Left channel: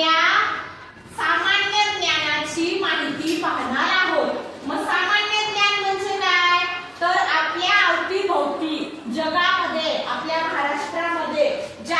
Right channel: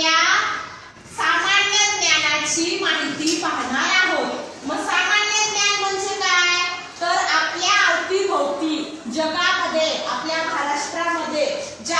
आपल्या सामान्य ज्ञानाची माहिती पाहणार आहोत। मग सामान्य ज्ञान म्हणजे काय? तर आपल्या अवतीभोवती जगामध्ये, आपल्या महाराष्ट्रामध्ये ज्या